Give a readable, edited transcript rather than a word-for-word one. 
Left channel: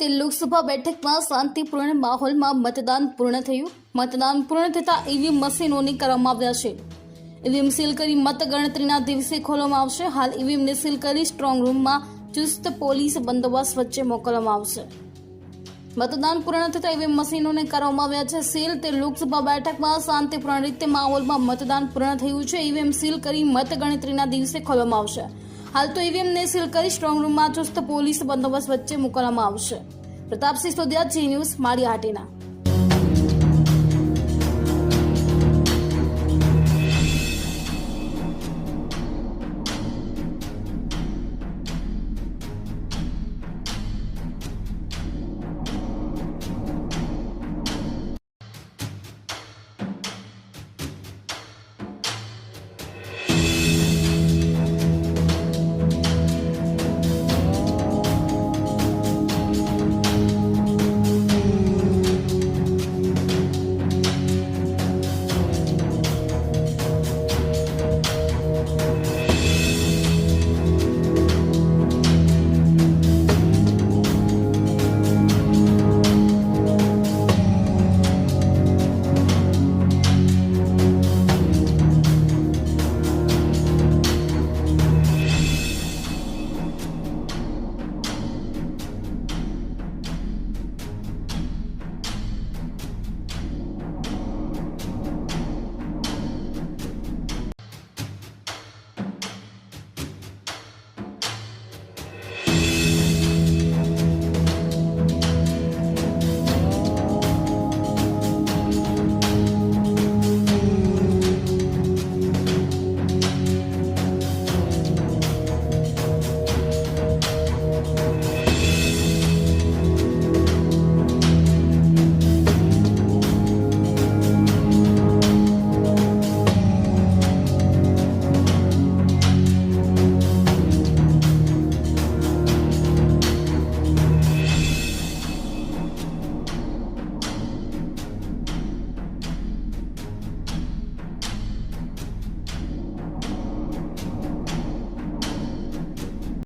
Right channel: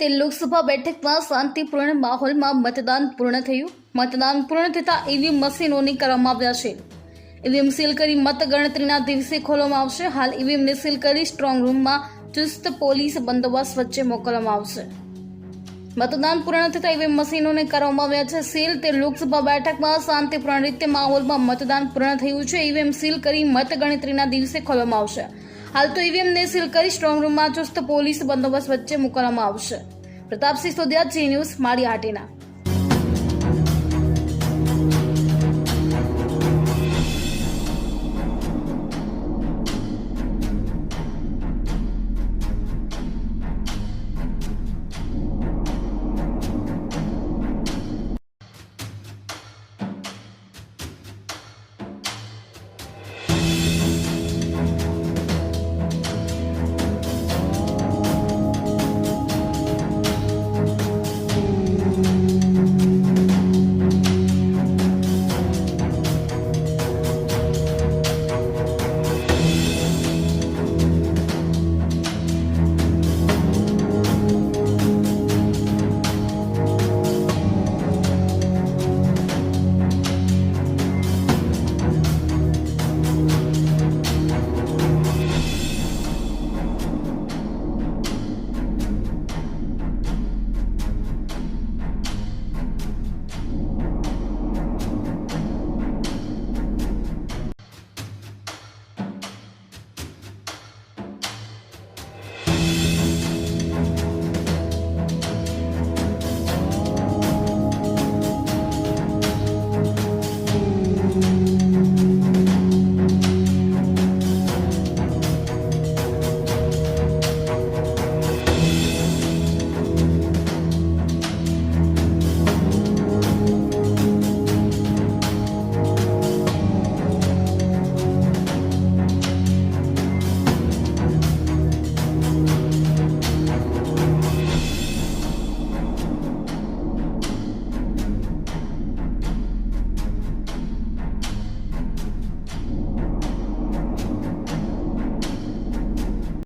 તે લોકસભા બેઠકમાં શાંતિપૂર્ણ માહોલમાં મતદાન પૂર્ણ થયું. મતદાન પૂર્ણ થતાં ઈવીએમ મશીનોને કરવામાં આવ્યા છે. ઈવીએમ સીલ કરી મતગણતરીના દિવસે ખોલવામાં આવશે. હાલ ઈવીએમને સીલ કરી સ્ટ્રોંગ રૂમમાં ચુસ્ત પોલીસ બંદોબસ્ત વચ્ચે મોકલવામાં આવશે. મતદાન પૂર્ણ થતાં ઈવીએમ મશીનોને કરવામાં આવ્યા છે સીલ. તે લોકસભા બેઠકમાં શાંતિપૂર્ણ રીતે માહોલમાં મતદાન પૂર્ણ થયું છે. ઈવીએમ સીલ કરી મતગણતરીના દિવસે ખોલવામાં આવશે. હાલ તો ઈવીએમને સીલ કરી સ્ટ્રોંગ રૂમમાં ચુસ્ત પોલીસ બંદોબસ્ત વચ્ચે મોકલવામાં આવશે. પ્રતાપસિંહ સોદિયા, જી ન્યૂઝ, માળિયા હાટીના.